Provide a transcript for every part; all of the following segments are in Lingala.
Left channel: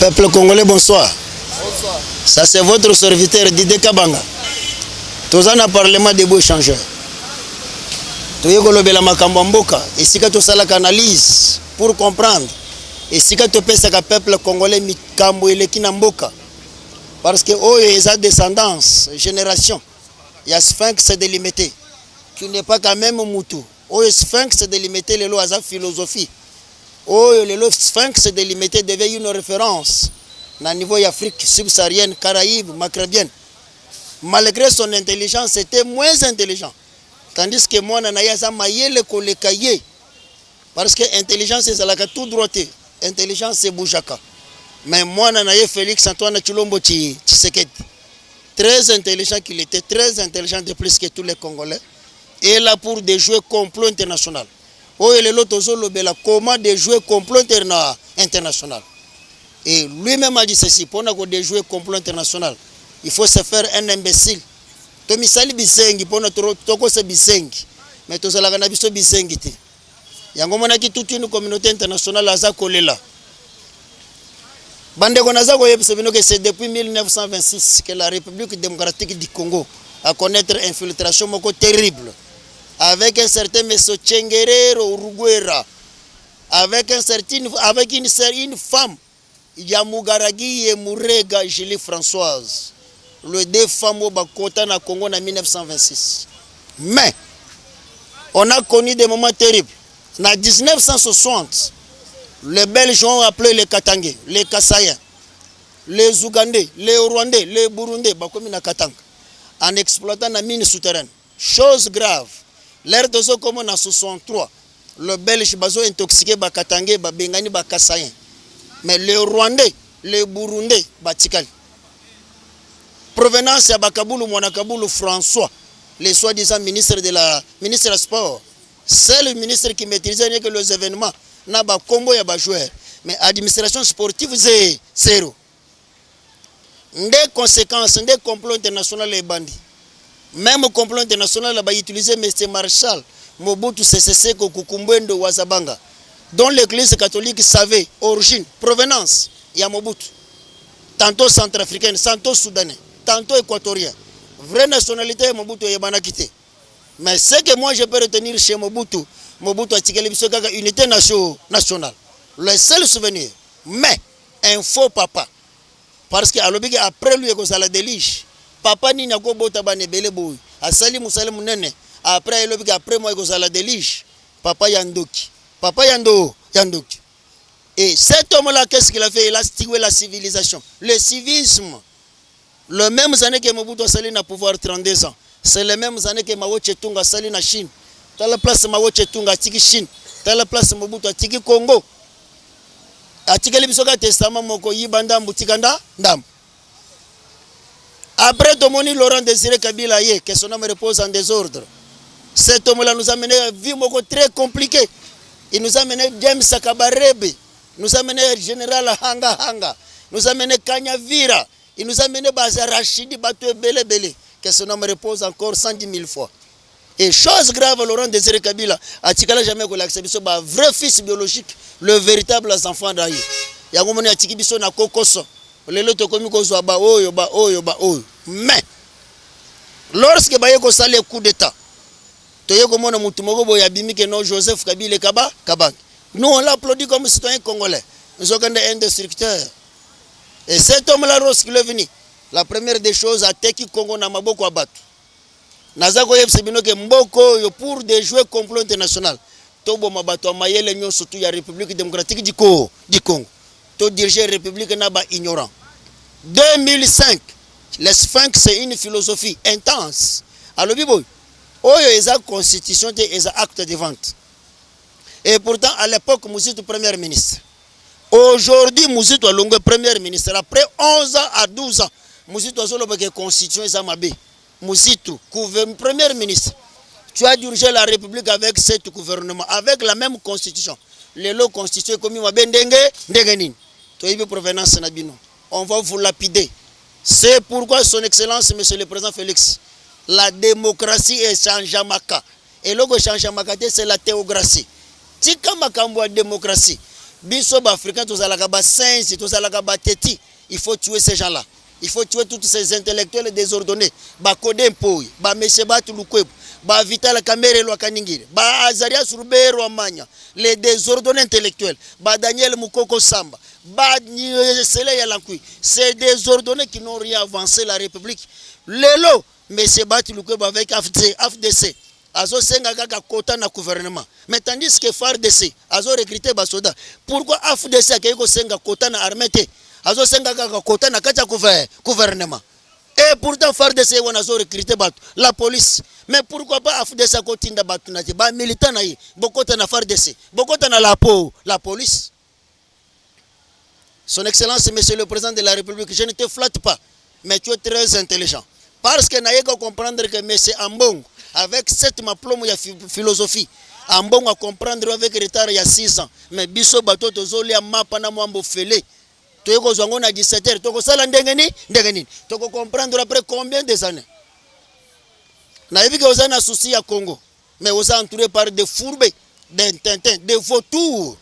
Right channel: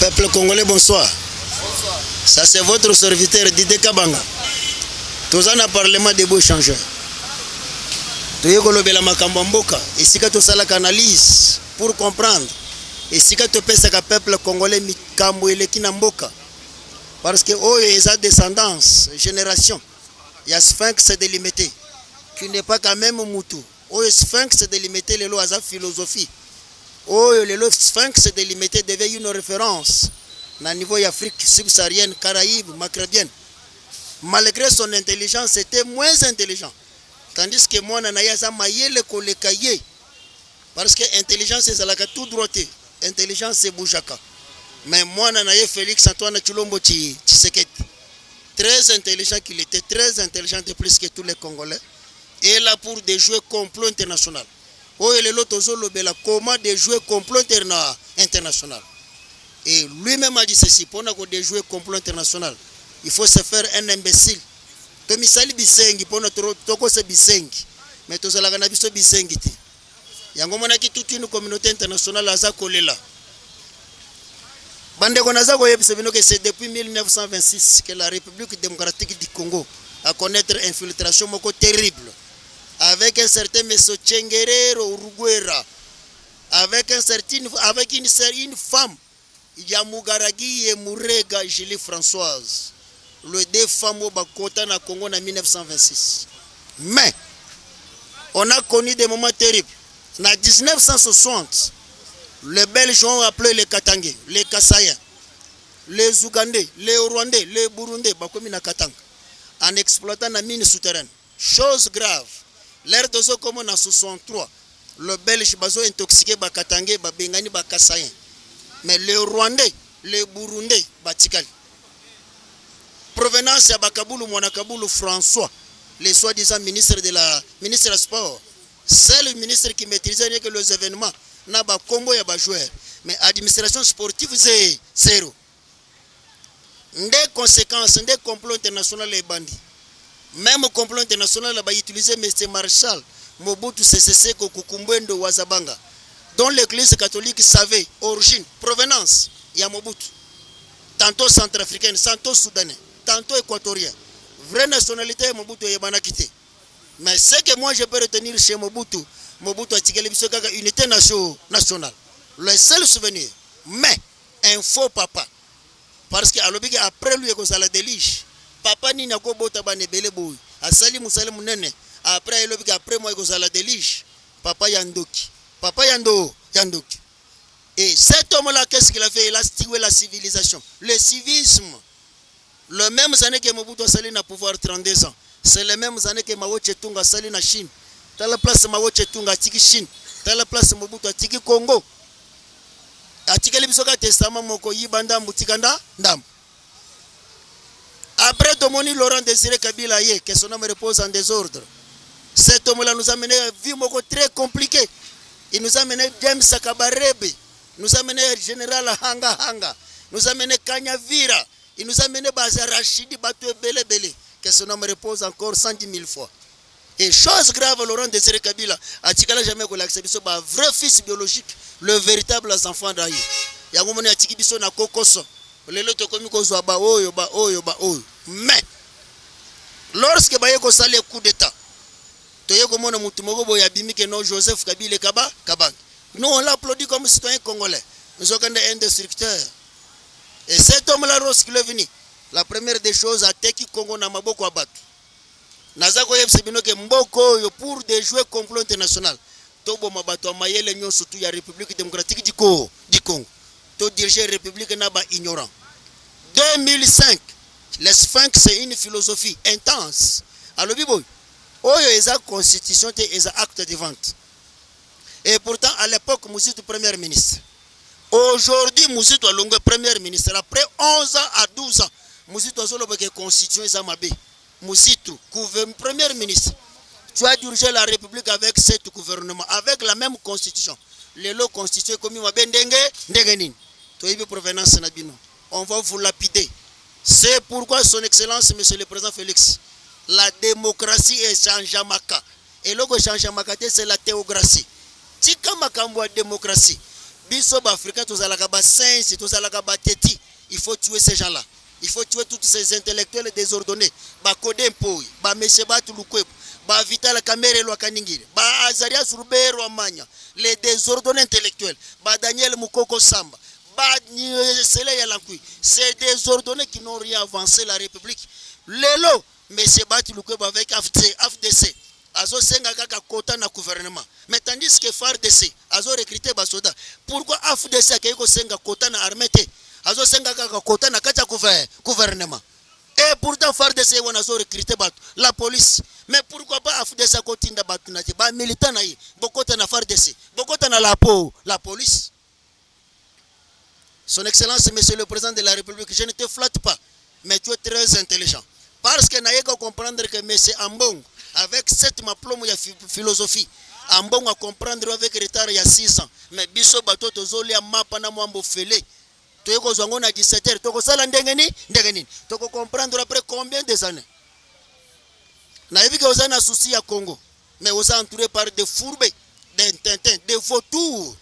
Peuple congolais, bonsoir. Bonsoir. Ça c'est votre serviteur Didier Kabanga. Tous en parlement des beaux échangeurs. Toyekolobela makambo mboka, esika tosalaka analyse pour comprendre. Esika topesaka peuple congolais mikambo eleki na mboka. Parce que oyo eza descendance, génération. Il y a Sphinx délimité qui n'est pas quand même Moutou. Oyo Sphinx délimité lelo aza philosophie. Oyo lelo Sphinx délimité devient une référence na niveau d'Afrique subsaharienne, Caraïbes, Maghrébine. Malgré son intelligence, c'était moins intelligent. Tandis que moi, nanaïa za mayele kolekaye. Parce que intelligence c'est la tout droité. Intelligence c'est boujaka. Mais moi, nanaïa Félix Antoine Chilombo Tshisekedi. Très intelligent qu'il était, très intelligent de plus que tous les Congolais. Et là pour des jeux complot international. Oh, et l'autre lobela comment des jeux complot international. Et lui-même a dit ceci, pour des jeux complot international, il faut se faire un imbécile. Tomisali bisengi, pour notre toko se bisengi. Mais tous la ganabiso bisengi. Yango monaki toute une communauté internationale à Zakolela. Bande Konazako que c'est depuis 1926 que la République démocratique du Congo a connaître une infiltration moko terrible. Avec un certain M. Tchengerero Uruguera, avec une femme, Yamugaragi et Mourega Julie Françoise, le deux femmes au Bakota na Congo en 1926. Mais, on a connu des moments terribles. En 1960, les Belges ont appelé les Katangais, les Kassaïens, les Ougandais, les Rwandais, les Burundais, Bakomi na Katanga, en exploitant la mine souterraine. Chose grave. L'air de ce comme en 63, le Belge bazo intoxiqué ba Katangais, ba Bengani, ba Kassaïens. Mais les Rwandais, les Burundais, ba Tikal. Provenance à Bakaboulou, Mwanakaboulou François, les soi-disant ministre de la sport. C'est le ministre qui maîtrisait que les événements. Na ba combo ya ba joueur. Mais administration sportive c'est zéro. Des conséquences, des complots internationaux les bandits. Même au complot international, il a utilisé M. Marshall, Mobutu Sese Seko Kukumbwendo Wazabanga, dont l'église catholique savait origine, provenance, il y a Mobutu. Tantôt centrafricaine, tantôt soudanais, tantôt équatorien. Vraie nationalité, Mobutu est banakité. Mais ce que moi je peux retenir chez Mobutu, Mobutu a tiré une unité nationale. Le seul souvenir. Mais, un faux papa. Parce qu'après lui, il y a la délige. Papa ni nako bota bane bele boy asali musale munene après elobika après moi kozala délige papa yandoki et cet homme là qu'est-ce qu'il a fait? Il a stigmé la civilisation, le civisme. Les mêmes années que Mobutu asali na pouvoir 32 ans, c'est les mêmes années que Mao Tse-tung asali na Chine. Dans la place Mao Tse-tung a tiki Chine, dans la place Mobutu a tiki Congo, a tiki le bisoka testament moko yibanda mbutikanda ndam. Après Tomoni Laurent Désiré Kabila, que son homme repose en désordre. Cet homme-là nous a mené à une vie très compliquée. Il nous a mené James Sakabarebe, nous a mené Général Hanga, nous a mené Kanyavira, il nous a mené Baza Rachidi Batoué Bele, que son homme repose encore 110 000 fois. Et chose grave, Laurent Désiré Kabila a tikala jamais qu'on l'accepte, c'est un vrai fils biologique, le véritable enfant d'Aïe. Il y a un moment où il y a un kokoso. Mais lorsque Bayeko sale coup d'état, Joseph Kabila Kabang, nous on l'applaudit comme citoyen congolais. Nous avons un destructeur. Et cet homme-là, lorsqu'il est venu, la première des choses, a Teki Congo na maboko abatu. Nazako yebsebino ke mboko yo pour des jeux complot international. Tobo mabato mayele nyo surtout ya République démocratique du Congo. To diriger la République naba ignorant. 2005, le Sphinx c'est une philosophie intense. Alors, Bibo, oyo eza constitution et eza acte de vente. Et pourtant, à l'époque, Mouzitou premier ministre. Aujourd'hui, Mouzitou a longue premier ministre. Après 11 ans à 12 ans, Mouzitou a solo que constitution eza mabe. Mouzitou, premier ministre. Tu as dirigé la République avec cet gouvernement, avec la même constitution. Les lots constitués comme mabe ndengenin. Tu as vu provenance nabino. On va vous lapider. C'est pourquoi son excellence, monsieur le président Félix, la démocratie est changeamaka. Et le changeamaka, c'est la théocratie. Tika makambo démocratie. Biso Africains, tous à la Saints, tous à la Teti. Il faut tuer ces gens-là. Il faut tuer tous ces intellectuels désordonnés. Ba Kodem Pouy, ba Meshebat Lukweb, ba Vital Kamere Lwakaningile, ba Azaria Surubero Amanya, les désordonnés intellectuels, ba Daniel Mukoko Samba, ba Sele Yalankui. C'est des ordonnés qui n'ont rien avancé la République. Lelo, Meshebat Lukweb avec AFDC. Azo senga kaka kota na gouvernement. Mais tandis que FARDC, azo recruté ba soda. Pourquoi AFDC akeko senga kota na armée? Azo senga kaka kota na kacha gouvernement. Et pourtant FARDC wana azo recruté ba la police. Mais pourquoi pas AFDC kotinda batu na ba militant na yi. Bokota na FARDC, bokota na la police. Son Excellence, Monsieur le Président de la République, je ne te flatte pas, mais tu es très intelligent. Parce que n'a pas comprendre que Monsieur Ambong, avec cette diplôme de philosophie, Ambong à comprendre avec retard il y a 6 ans. Mais biso bato tozoli ya mapa na mwambo fele. Toyeko zongo na 17h, toko sala ndengeni. Toko comprendre après combien des années. Na yebi que vous avez un souci à Congo, mais vous êtes entouré par des fourbes, des tintins, des vautours.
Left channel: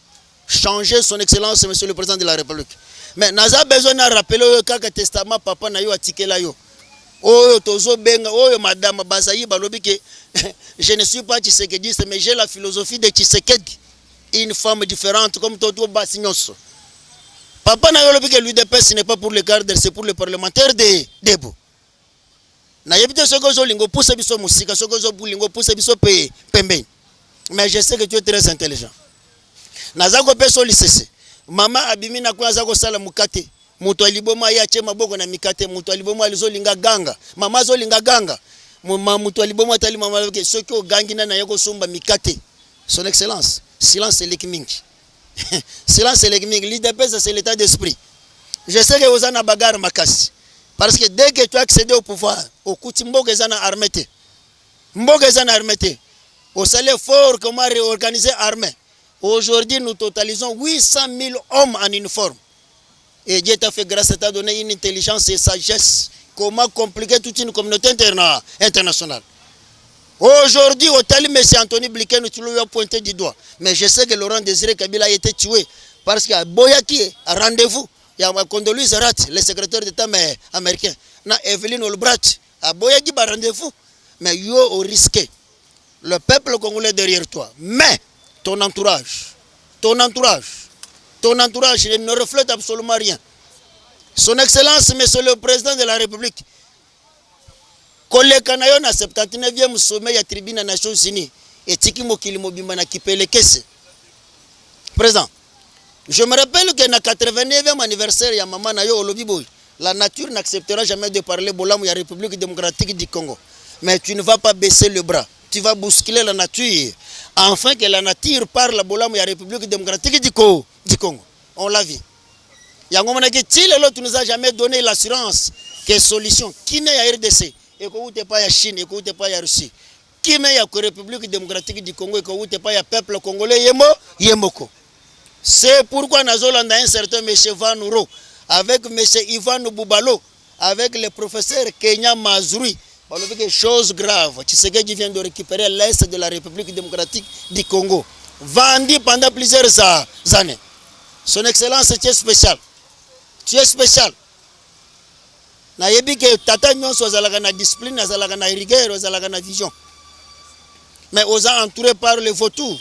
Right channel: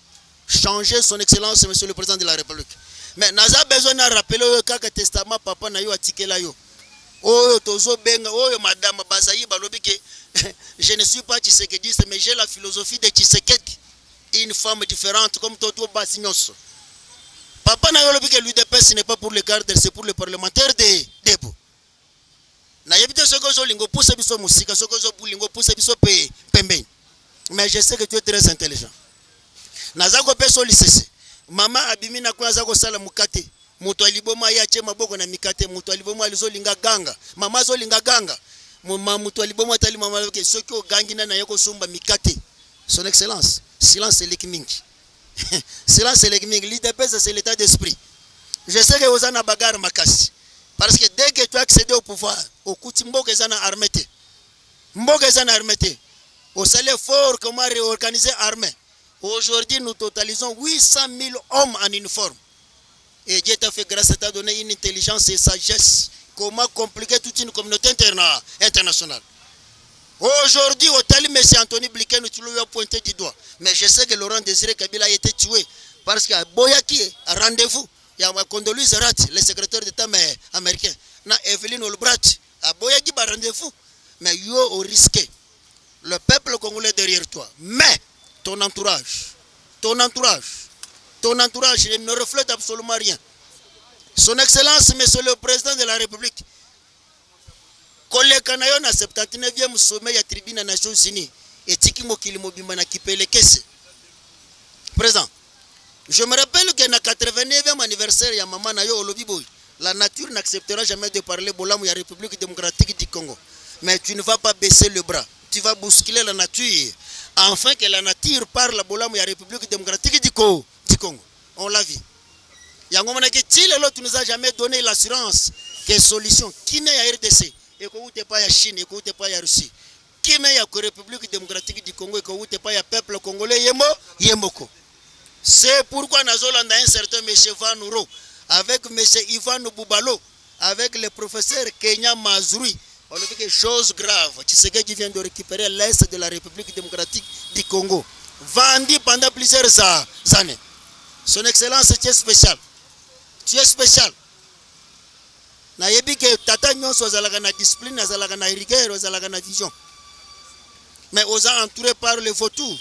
Changer son Excellence, Monsieur le Président de la République. Mais n'a pas besoin de rappeler que testament papa na yo atikela yo. Oh, tozo benga, oh, madame Bazaï balobi que je ne suis pas tshisekediste, mais j'ai la philosophie de Tshisekedi. Une femme différente comme Toto Bassignos. Papa na yo lobi que l'UDPS n'est pas pour les gardes, c'est pour les parlementaires de Debo. Na yebite soko zo lingo pousse biso musika, soko zo lingo pousse biso pembe. Mais je sais que tu es très intelligent. Nazako peso lisese. Mama abimina kwa zako sala mukate. Mutu aliboma ya chema boko na mikate. Mutu aliboma alizolinga ganga. Mama zolinga ganga. Mutu aliboma tali mama loke soki o gangi na yako somba mikate. Son Excellence, silence c'est l'équimingi. Silence c'est l'équimingi. L'IDPS c'est l'état d'esprit. Je sais que vous en avez bagarre makasi. Parce que dès que tu as accédé au pouvoir, au kuti mboga zana armete. Mboga zana armete. Au salaire fort comment réorganiser armée. Aujourd'hui, nous totalisons 800 000 hommes en uniforme. Et Dieu t'a fait grâce, t'a donné une intelligence et sagesse. Comment compliquer toute une communauté internationale. Aujourd'hui, au Tali, M. Anthony Blinken, tu lui as pointé du doigt. Mais je sais que Laurent Désiré Kabila a été tué. Parce qu'à Boyaki, à rendez-vous, il y a Condoleezza Rice, le secrétaire d'État américain. Na Evelyn Olbrat, à Boyaki, à rendez-vous. Mais yo au risqué. Le peuple congolais derrière toi. Mais ton entourage ne reflète absolument rien. Son Excellence, Monsieur le Président de la République, koleka na yo na 79e sommet ya tribune des Nations Unies, et tiki mokili mobimba na kipele kese. Président, je me rappelle que na 89e anniversaire ya maman na yo olobi boy, la nature n'acceptera jamais de parler bolamu ya République démocratique du Congo. Mais tu ne vas pas baisser le bras. Tu vas bousculer la nature. Enfin que la nature parle bolamu ya République démocratique du Congo. On l'a vu. Tu nous as jamais donné l'assurance que solution. Qui n'est à RDC? Et que vous n'êtes pas à Chine, et que vous n'êtes pas à Russie. Qui n'est à la République démocratique du Congo, et que vous n'êtes pas à peuple congolais, Yemoko. C'est pourquoi nous avons un certain M. Van Ouro, avec M. Ivan Boubalo, avec le professeur Kenya Mazrui. On a vu des choses graves. Tshisekedi vient de récupérer l'Est de la République démocratique du Congo. Vendu pendant plusieurs années. Son Excellence, tu es spécial. Tu es spécial. Na yebi que tata nyonso azalaka na discipline, azalaka na rigueur, azalaka na vision. Mais on a entouré par les vautours.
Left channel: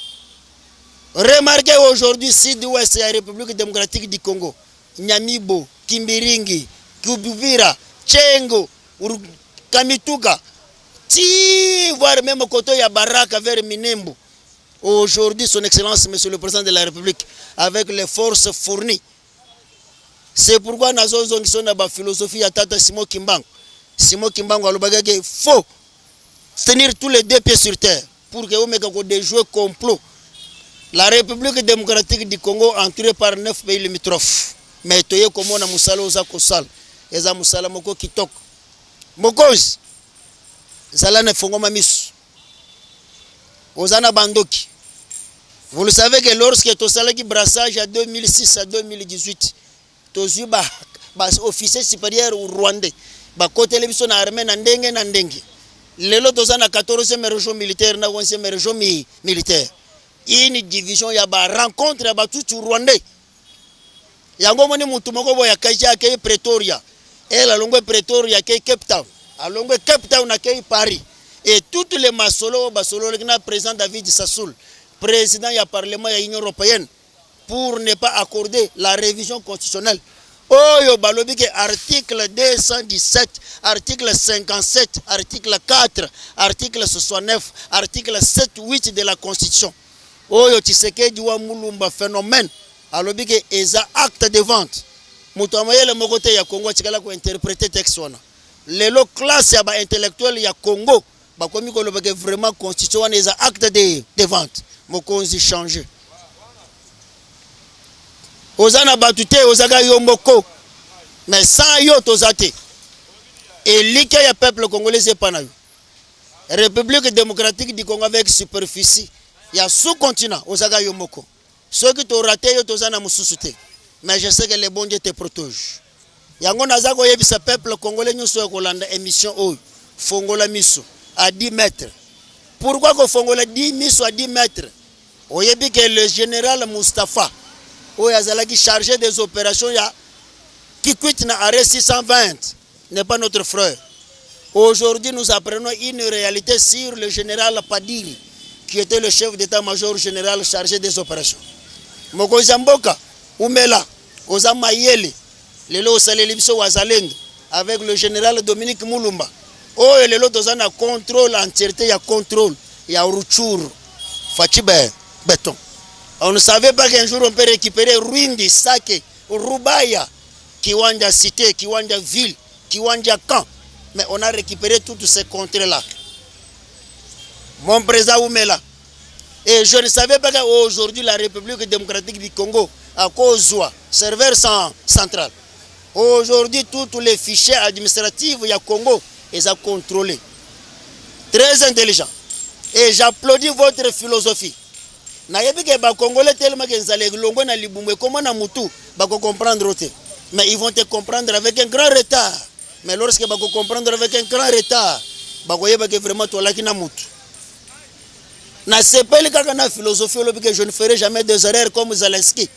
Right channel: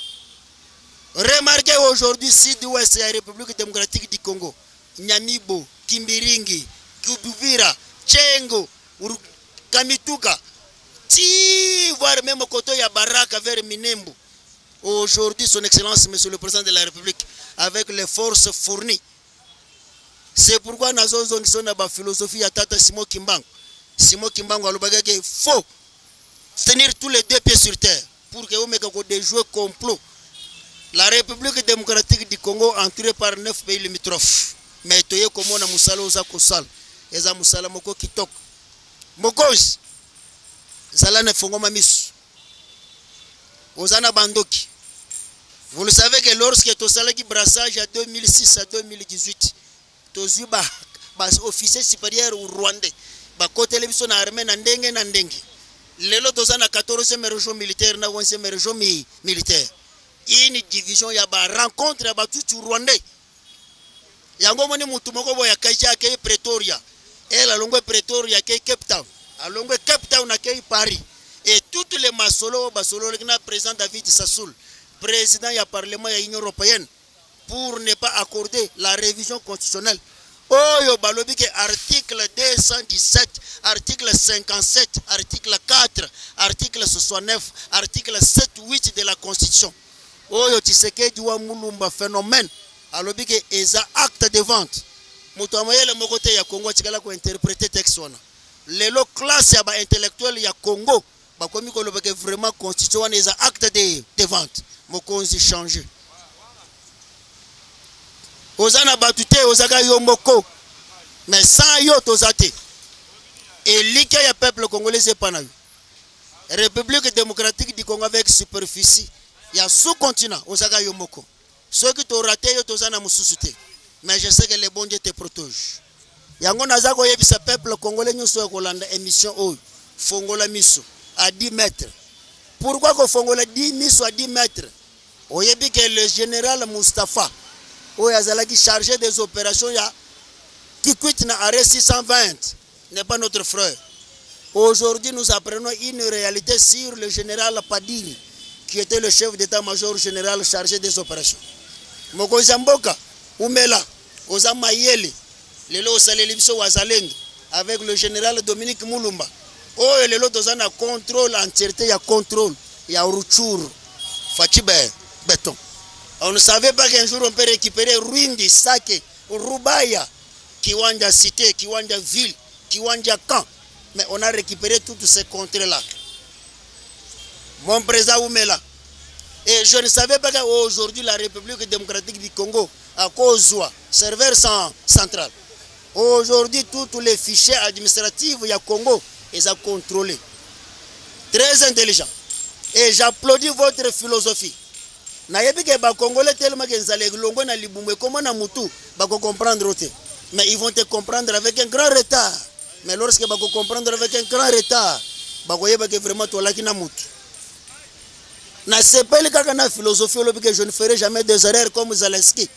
Remarquez aujourd'hui, Sud-Ouest et la République démocratique du Congo. Nyamibo, Kimbiringi, Kubuvira, Tchengo, Kamituga, si voire même côté ya Baraka vers Minembo. Aujourd'hui, Son Excellence, Monsieur le Président de la République, avec les forces fournies. C'est pourquoi nous avons une philosophie à Tata Simon Kimbangu. Simon Kimbangu il faut tenir tous les deux pieds sur terre pour que vous ayez des jeux complots. La République démocratique du Congo entourée par 9 pays limitrophes. Mais tu es comme on a Moussala aux Akosal. Et ça Moussala Moko Kitok. Mokoz. Zala ne fongo mamis. Ozana Bandoki. Vous le savez que lorsque tu as qui brassage à 2006 à 2018, tu as officier supérieur au Rwandais. Côté télévision armée nandenge. Lelo tu as 14e région militaire, na 11e région militaire. une division ya ba rencontre ya batutu rwandais yango moni mutu moko boya kaja ke Pretoria elle alongwe Pretoria ke Cape Town alongwe Cape Town ke Paris et toutes les masolo basolo le président David Sassoul président du Parlement de l'Union européenne pour ne pas accorder la révision constitutionnelle. Oyo balobi ke article 217, article 57, article 4, article 69, article 7, 8 de la Constitution. Oyo Tshisekedi wa Mulumba phénomène alobi ke eza acte de vente. Mutu amayele mokote ya Congo tikala ko interpréter texte wana. Lelo classe ya ba intellectuel ya Congo bakomi ko loba ke vraiment Constitution wana eza acte de vente. Mokonzi changer. Ozana batute ozaga yomboko. Mais sans yo tozate. Et l'ike ya peuple congolais c'est pas na yo. République démocratique du Congo avec superficie. Ya sous-continent ozaga yomboko. Ceux qui t'ont raté yo tozana mususute. Mais je sais que les bons Dieu te protègent. Yango nazako yebisa peuple congolais nyuso ya kolanda émission oyo. Fongola miso à 10 mètres. Pourquoi qu'on fongola 10 miso à 10 mètres? Oyebi que le général Mustafa qui chargé des opérations qui quitte na arrêt 620 n'est pas notre frère. Aujourd'hui, nous apprenons une réalité sur le général Padiri, qui était le chef d'état-major général chargé des opérations. Mokozamboka, Oumela, Ozamayele, Lelo Salelibiso Wazalendo, avec le général Dominique Moulumba. Oh, et Lelo Tozana contrôle, entièreté, il y a contrôle, il y a Ruchur, Fatibe, béton. On ne savait pas qu'un jour on peut récupérer Rwindi, Sake, Rubaya, Kiwanja Cité, Kiwanja Ville, Kiwanja Camp. Mais on a récupéré toutes ces contrées-là. Mon président Oumela. Et je ne savais pas qu'aujourd'hui la République démocratique du Congo, à cause de serveur central. Aujourd'hui, tous les fichiers administratifs, il y a Congo, ils sont contrôlés. Très intelligent. Et j'applaudis votre philosophie. Nayebi ke ba Congolais tellement que nzale longo na libumwe comment na mutu ba ko comprendre ote. Mais ils vont te comprendre avec un grand retard. Mais lorsque ba ko comprendre avec un grand retard, ba ko yeba que vraiment to laki na mutu. Na sepeli kaka na philosophie lobi que je ne ferai jamais des erreurs comme Zelensky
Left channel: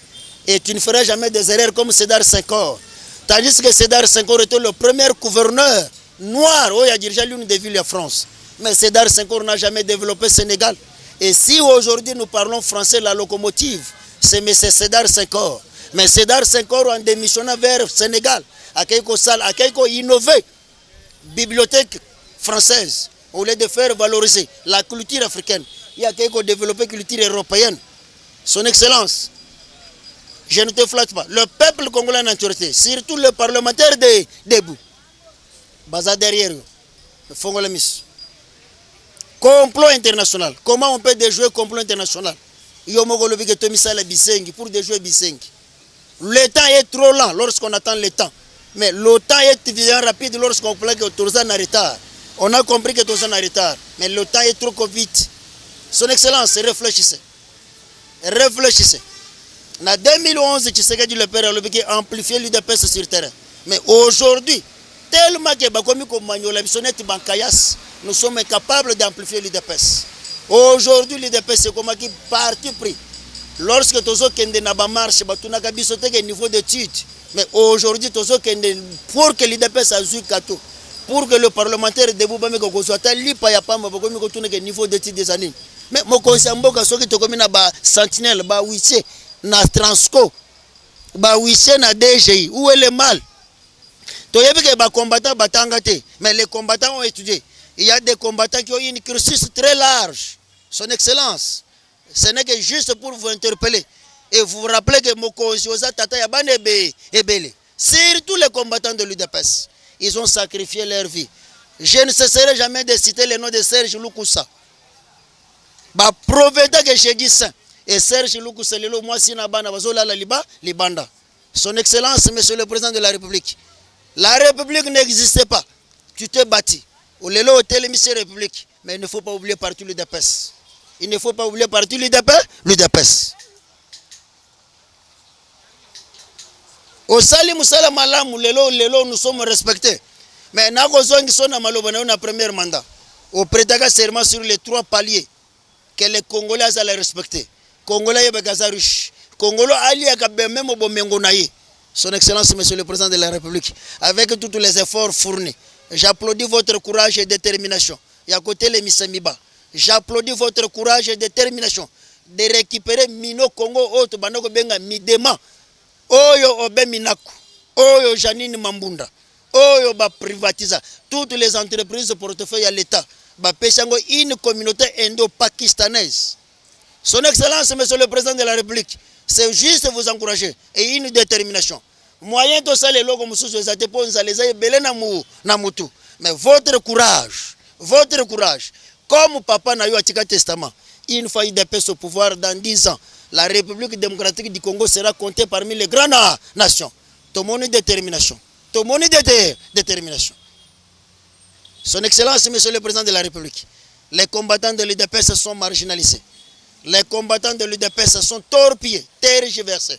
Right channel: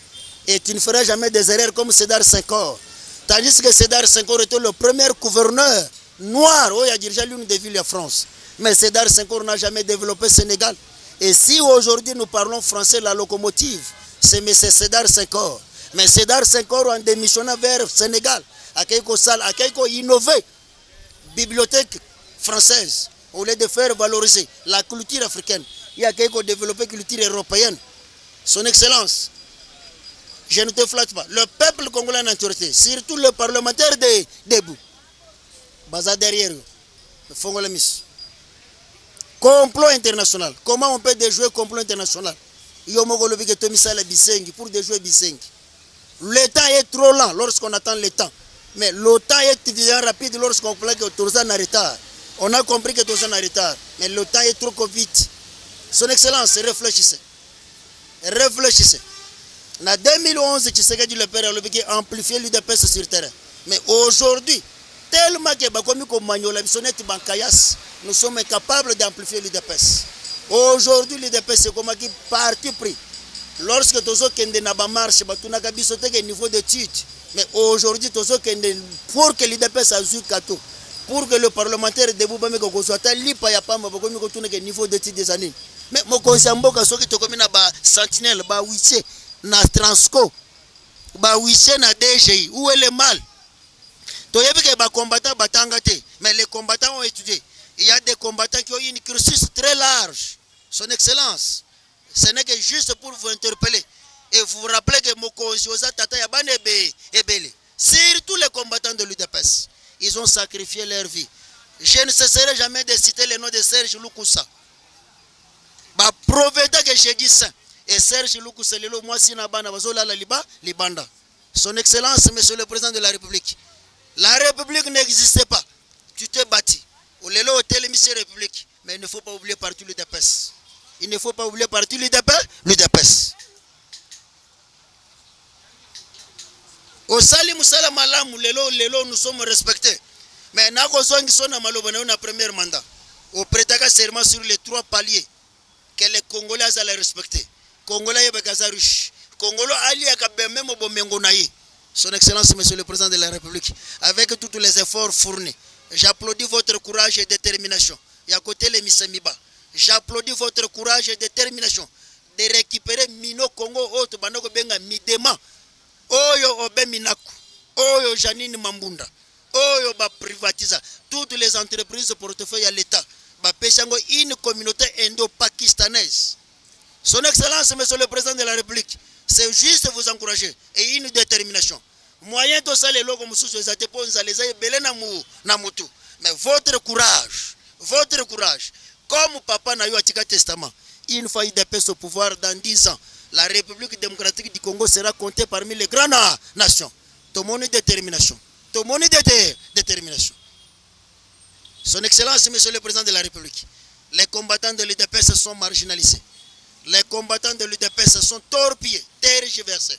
et tu ne feras jamais des erreurs comme Sédar Senghor. Tandis que Sédar Senghor était le premier gouverneur noir où il a dirigé l'une des villes de France. Mais Sédar Senghor n'a jamais développé Sénégal. Et si aujourd'hui nous parlons français, la locomotive, c'est M. Sédar Senghor. Mais Sédar Senghor, en démissionnant vers Sénégal, a quelque innové, bibliothèque française, au lieu de faire valoriser la culture africaine, il y a quelque développé culture européenne. Son Excellence, je ne te flatte pas. Le peuple congolais en entièreté, surtout le parlementaire debout, Baza derrière eux, le Fongolemis. Complot international. Comment on peut déjouer complot international? Pour déjouer Bisengi. Le temps est trop lent lorsqu'on attend le temps. Mais le temps est bien rapide lorsqu'on plaît que Torzan en retard. On a compris que Torzan en retard. Mais le temps est trop vite. Son Excellence, réfléchissez. Réfléchissez. En 2011, Tshisekedi le père a amplifié l'UDPS sur le terrain. Mais aujourd'hui, tellement que Bakomi Komanyola, Bankayas, nous sommes incapables d'amplifier l'UDPS. Aujourd'hui, l'UDPS c'est comme qui parti pris. Lorsque Tozo Kende Naba marche, tu n'as qu'à un niveau d'études. Mais aujourd'hui, Tozo Kende, pour que l'UDPS a eu kato, pour que le parlementaire de Boubame soit allé, pas ya pas, mais pour que niveau d'études des années. Mais mon conseil Mboka, ce qui te commune à Sentinelle, ba Wissé, na Transco, ba Wissé, na DGI, où est le mal? Tu as vu que les combattants batangate, mais les combattants ont étudié. Il y a des combattants qui ont une cursus très large. Son Excellence, ce n'est que juste pour vous interpeller et vous rappeler que Mokozoza Tata Yabane Ebele, surtout les combattants de l'UDPS, ils ont sacrifié leur vie. Je ne cesserai jamais de citer le nom de Serge Lukusa. Ba prophète que j'ai dit ça. Et Serge Lukusa, le moi si nabana bazola la libanda. Son Excellence, Monsieur le Président de la République. La République n'existait pas. Tu t'es bâti. Au Lélo Hôtel Émissaire République. Mais il ne faut pas oublier partout l'UDPS. Il ne faut pas oublier partout l'UDPS. Au Sali Moussala Malam, Lélo, nous sommes respectés. Mais Nagozouang Sona Malobana, on a premier mandat. Au prétaka serment sur les 3 paliers que les Congolais allaient respecter. Congolais yeba kazarush. Congolo ali akabe même bomengo naye. Son Excellence, Monsieur le Président de la République, avec tous les efforts fournis, j'applaudis votre courage et détermination. Et à côté les Missamiba, j'applaudis votre courage et détermination de récupérer Mino Congo Oto Banoko Benga Midema, Oyo Obe Minaku, Oyo Janine Mambunda, Oyo Ba Privatiza, toutes les entreprises de portefeuille à l'État, Ba Pesango, une communauté indo-pakistanaise. Son Excellence, Monsieur le Président de la République, c'est juste vous encourager et une détermination. Moyen de ça les logos mususu za dépose les aïe belé na mutu. Mais votre courage, comme papa n'a eu à testament, une fois il dépêche au pouvoir dans 10 ans, la République démocratique du Congo sera comptée parmi les grandes nations. Tout mon détermination. Détermination. Son Excellence, Monsieur le Président de la République, les combattants de l'UDPS sont marginalisés. Les combattants de l'UDPS sont torpillés, tergiversés.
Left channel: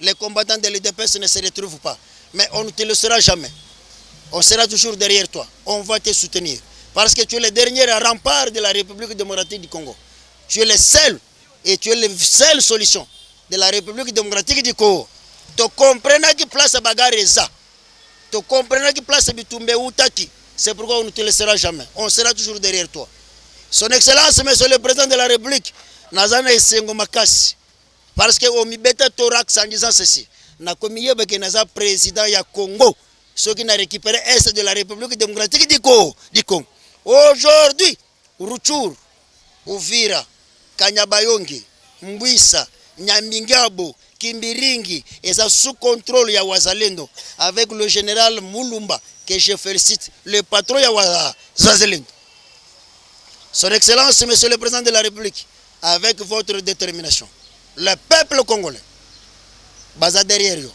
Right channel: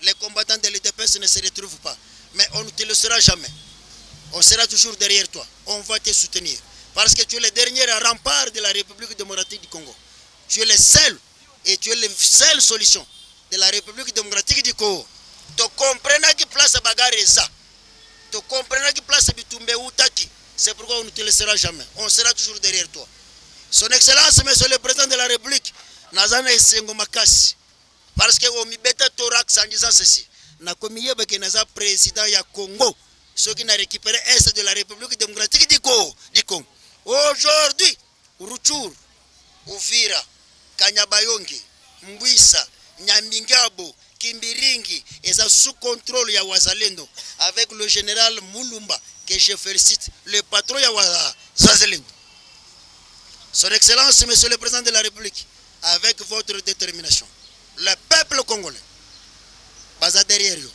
Les combattants de l'UDPS ne se retrouvent pas. Mais on ne te le sera jamais. On sera toujours derrière toi. On va te soutenir. Parce que tu es le dernier rempart de la République démocratique du Congo. Tu es le seul et tu es la seule solution de la République démocratique du Congo. Tu comprends qui place à Bagareza. Tu comprends qui place à Bitumbe Outaki. C'est pourquoi on ne te laissera jamais. On sera toujours derrière toi. Son Excellence, Monsieur le Président de la République, Nazana Esengo Makasi. Parce que Omibeta Thorax en disant ceci. Nakomiye Beke Naza président ya Congo. Ceux qui n'ont récupéré Est de la République démocratique du Congo. Aujourd'hui, Ruchur, Uvira, Kanyabayongi, Mbwisa, Nyamingabo, Kimbiringi, et ça sous contrôle ya Wazalendo. Avec le général Mulumba, que je félicite, le patron ya Wazalendo. Son Excellence, Monsieur le Président de la République, avec votre détermination, le peuple congolais, baza derrière vous.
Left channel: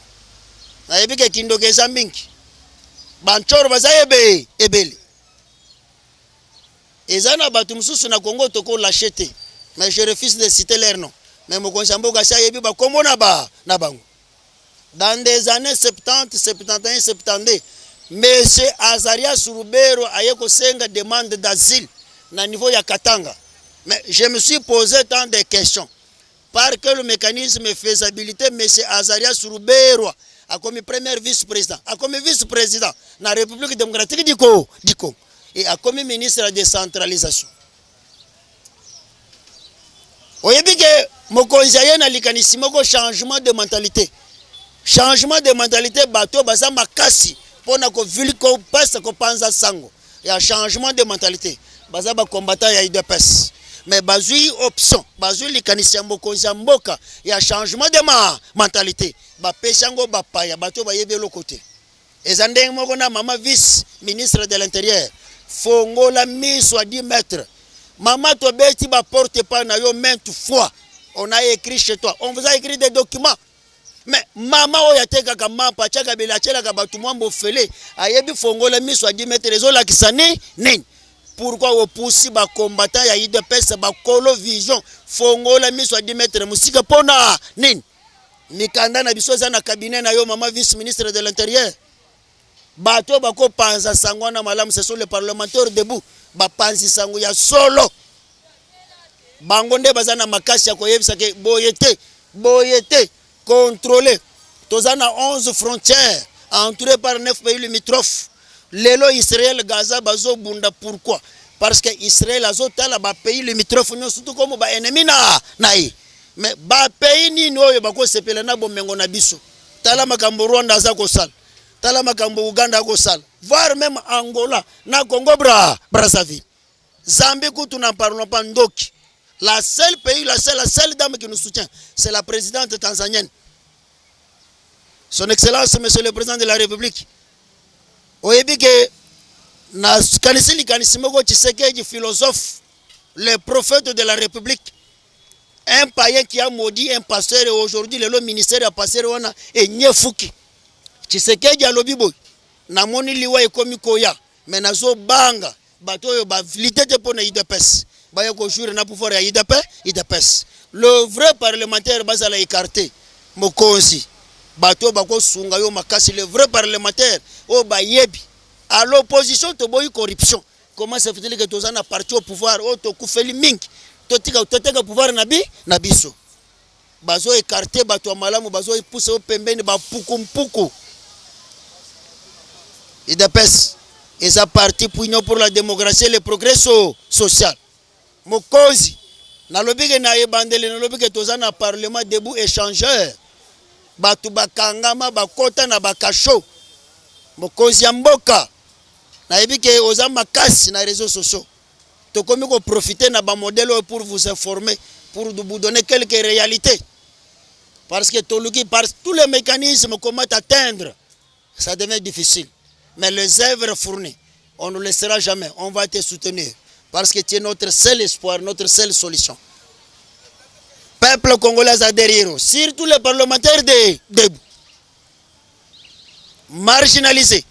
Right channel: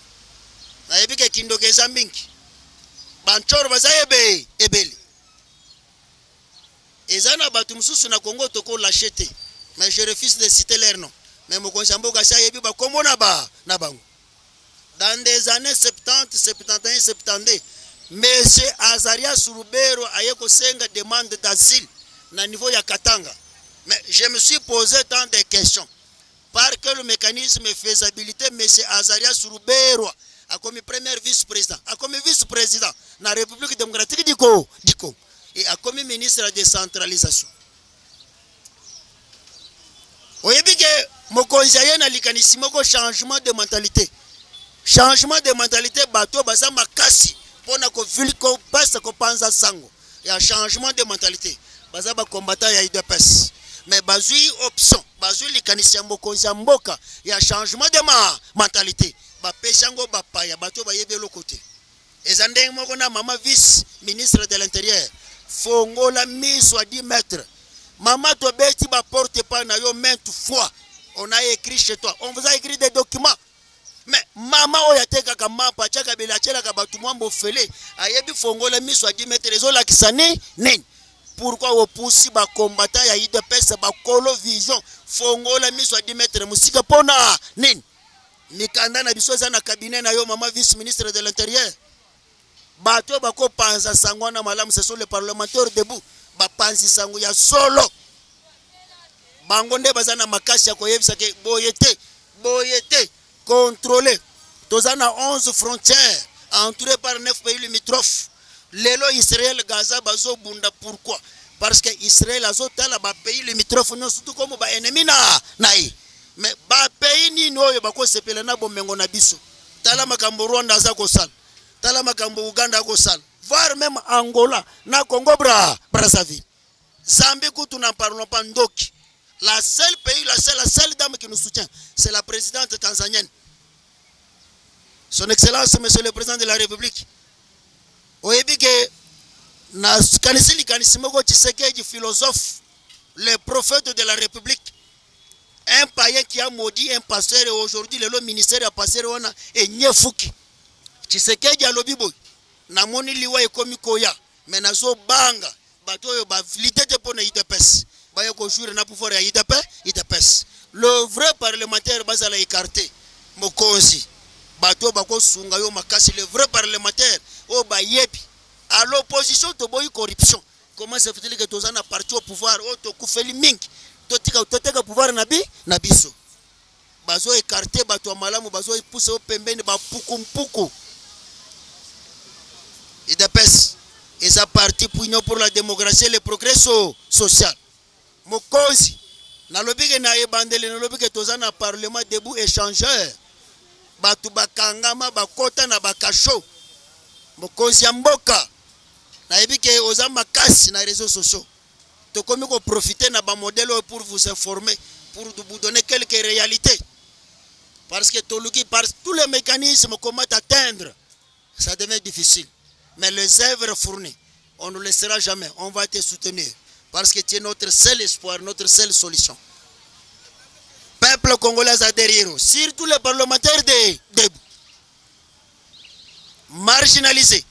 Nayebi ke kindoke zambinki, banchoro baza ebeli. Ezana batu mususu na Congo toko lâcheté, mais je refuse de citer leur nom. Mais mokonzi mboka sa yebi ba kombo na bango. Dans des années 70, 71, 72, Monsieur Azaria Surubero ayeko senga demande d'asile na niveau ya Katanga. Mais je me suis posé tant de questions. Par quel mécanisme de faisabilité, M. Azaria Surubero a comme premier vice-président, a comme vice-président dans la République démocratique du Congo et a comme ministre de la décentralisation. Vous voyez que mokonzi na likanisi moko changement de mentalité. Changement de mentalité, bateau baza makasi pona ko vili ko peste ko panza sango. Il y a changement de mentalité. Baza ba combattant ya UDPS. Mais bazui option, bazui likanisi ya mokonzi ya mboka, ya changement de mentalité. Ba pesango ba paya, bato ba yebe lokote. Ezande moko na mama vice ministre de l'Intérieur. Fongola miso à 10 mètres. Maman to beti ba porte pas na yo maintes fois. On a écrit chez toi. On vous a écrit des documents. Mais maman oya teka kama pachaka bela chela ka batu mwambo fele. Ayebi fongola miso à 10 mètres. Rezo la kisane nini. Pourquoi au poussi ba combattant ya UDPS ba kolo vision fongola miso à 10 mètres musika pona nini mikanda na biso za na cabinet na yo mama vice ministre de l'Intérieur bato bako panza sangwana malamu ce sont les parlementaires debout ba panzi sango ya solo bango nde bazana makasi ya koyebisa ke boyete contrôler tozana 11 frontières entourées par 9 pays limitrophes. Lelo Israël Gaza bazo bunda pourquoi? Parce que Israël azotala ba pays limitrophes nyo surtout comme ba ennemi na mais ba pays ni noyo bako sepela na bomengo na biso. Tala makambo Rwanda za ko sala. Tala makambo Uganda ko sala. Voire même Angola na Congo Brazzaville. Zambie kutu na parlons pas ndoki. La seule dame qui nous soutient, c'est la présidente tanzanienne. Son Excellence Monsieur le Président de la République. Oyebi que na kanisi moko Tshisekedi philosophe, le prophète de la République, un païen qui a maudit un pasteur et aujourd'hui le ministère a pasteur wana et nyefuki. Tshisekedi alobi boy na moni liwa ekomi koya mais nazo banga bato yo ba litete pona UDPS ba yako jure na pouvoir ya UDPS. Le vrai parlementaire bazala écarté mokonzi bato bako sunga yo makasi le vrai parlementaire o bayebi à l'opposition to boy corruption. Comment ça fait que tozana parti au pouvoir o to kufeli mingi to tika pouvoir na biso bazo écarté bato ya malamu bazo epousse pembeni ba puku. UDPS eza parti pour union pour la démocratie et le progrès social. Mokozi nalobi ke na ebandele nalobi ke toza na parlement debout échangeur bato bakangama bakota na bakasho mokozi ya mboka nayebi ke oza makasi na réseaux sociaux tokomi ko profiter na ba modèle pour vous informer pour vous donner quelques réalités parce que toluki par tous les mécanismes comment atteindre ça devient difficile mais les œuvres fournies on ne laissera jamais on va te soutenir parce que tu es notre seul espoir notre seule solution. Peuple congolais a derrière, surtout les parlementaires debout, marginalisés.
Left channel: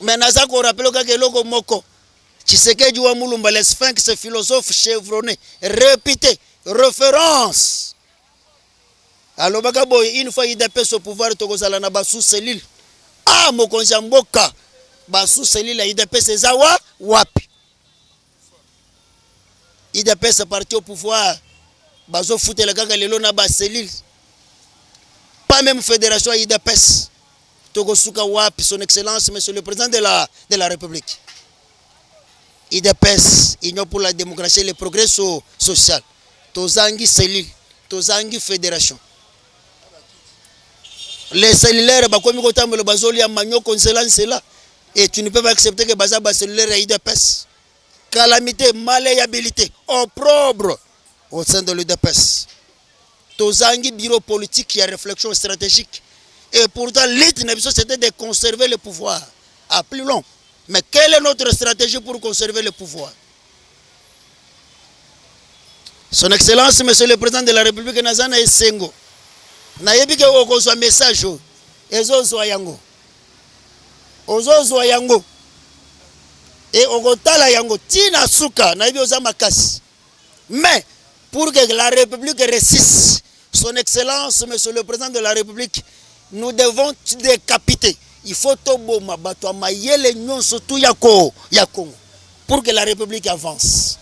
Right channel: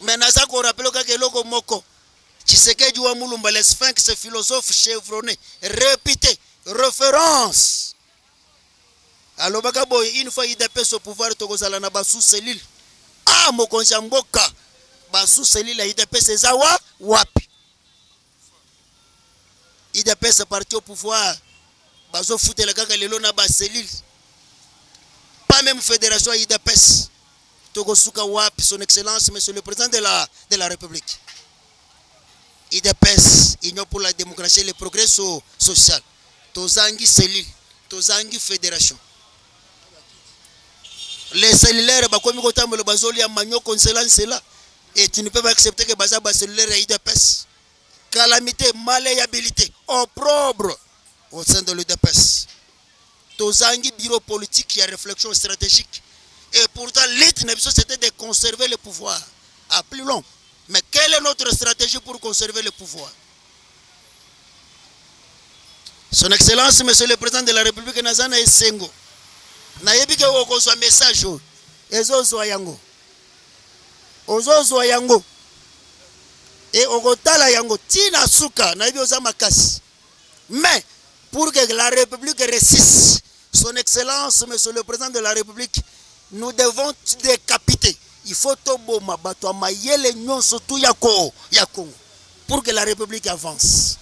Mais naza ko rappelle que loko moko, Tshisekedi wa Mulumba, les sphinx philosophes chevronnés, répétés, référence. Alors bakaboy, une fois il dépêche au pouvoir tokozala na basu selil. Ah mokonzi mboka, basu selil il dépêche zawa wapi. Il dépêche parti au pouvoir. Bazo foutre la gaga lelo na ba cellule. Pas même fédération IDPS. Togosuka Wap, son excellence, monsieur le président de la République. IDPS, Union pour la démocratie et le progrès social. Tozangi cellule, Tozangi fédération. Les cellulaires, bakomi kotambo le bazoli ya manyo konselan cela. Et tu ne peux pas accepter que baza ba cellulaire IDPS. Calamité, malléabilité, opprobre. Au sein de l'UDPS. Tozangi bureau politique qui a réflexion stratégique. Et pourtant, l'idée c'était de conserver le pouvoir à plus long. Mais quelle est notre stratégie pour conserver le pouvoir? Son Excellence, Monsieur le Président de la République, Nazana Esengo. Nayebi ke okozwa message o. Ezozwa yango. Ozozwa yango. Et okotala yango tina suka nayebi oza makasi. Mais pour que la République résiste, son Excellence, Monsieur le Président de la République, nous devons décapiter. Il faut toboma bato mayele nyonso tu yako ya Congo pour que la République avance.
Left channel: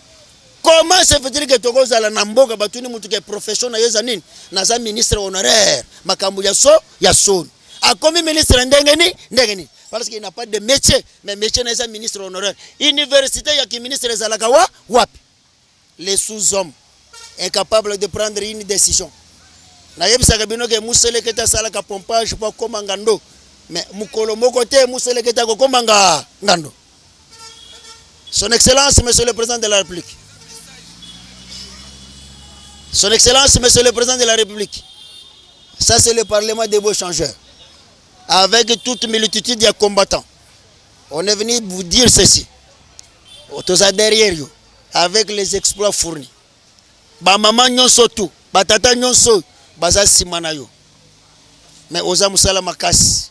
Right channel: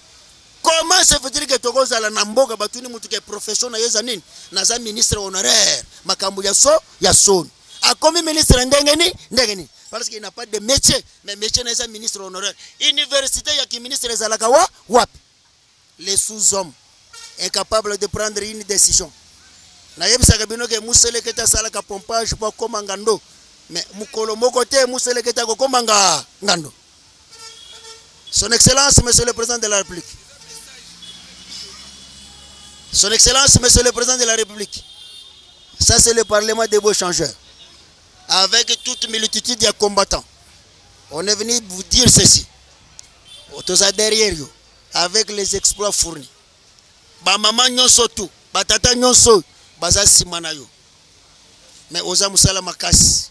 Comment se fait-il que Togo zala namboka batuni mutu ke profession na yezanin naza ministre honoraire makambu ya son. A comme ministre ndengeni parce qu'il n'a pas de métier mais métier na ministre honoraire. Université ya ki ministre zalaka wapi? Les sous-hommes incapables de prendre une décision. Nayebisa kabino ke musele keta sala ka pompage pour koma ngando. Mais mukolo moko te musele keta ko koma ngando. Son Excellence, Monsieur le Président de la République. Son Excellence, Monsieur le Président de la République. Ça c'est le Parlement des beaux changeurs. Avec toute multitude de combattants. On est venu vous dire ceci. Otoza derrière vous. Avec les exploits fournis. Ba maman nyonso tu, ba tata nyonso, baza simana yo. Mais oza musala makasi.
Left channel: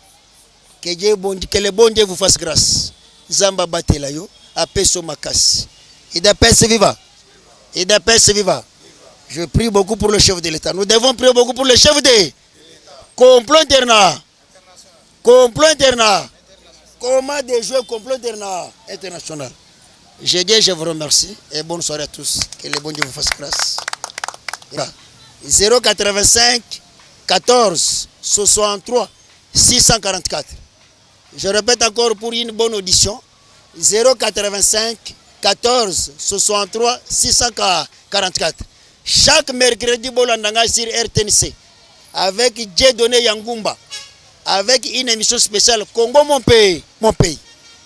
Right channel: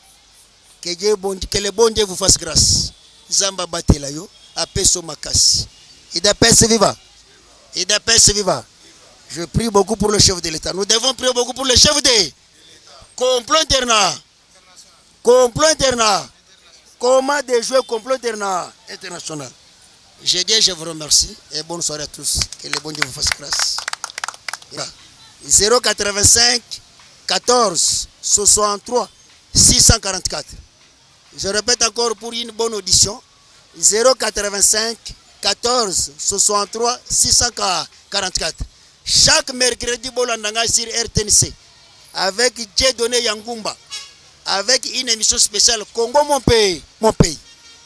Que le bon Dieu vous fasse grâce. Zamba batela yo, apeso makasi. IDPS viva. IDPS viva. Je prie beaucoup pour le chef de l'État. Nous devons prier beaucoup pour le chef de complot international. Complot international. Comment déjouer complot international? Je dis, je vous remercie et bonne soirée à tous. Que le bon Dieu vous fasse grâce. 085 14 63 644. Je répète encore pour une bonne audition. 085 14 63 644. Chaque mercredi, Bolandanga sur RTNC. Avec Dieudonné Yangumba. Avec une émission spéciale Congo, mon pays. Mon pays.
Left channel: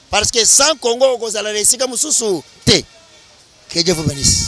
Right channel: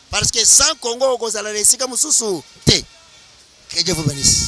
Parce que sans Congo, on va réussir comme sous T. Que Dieu vous bénisse.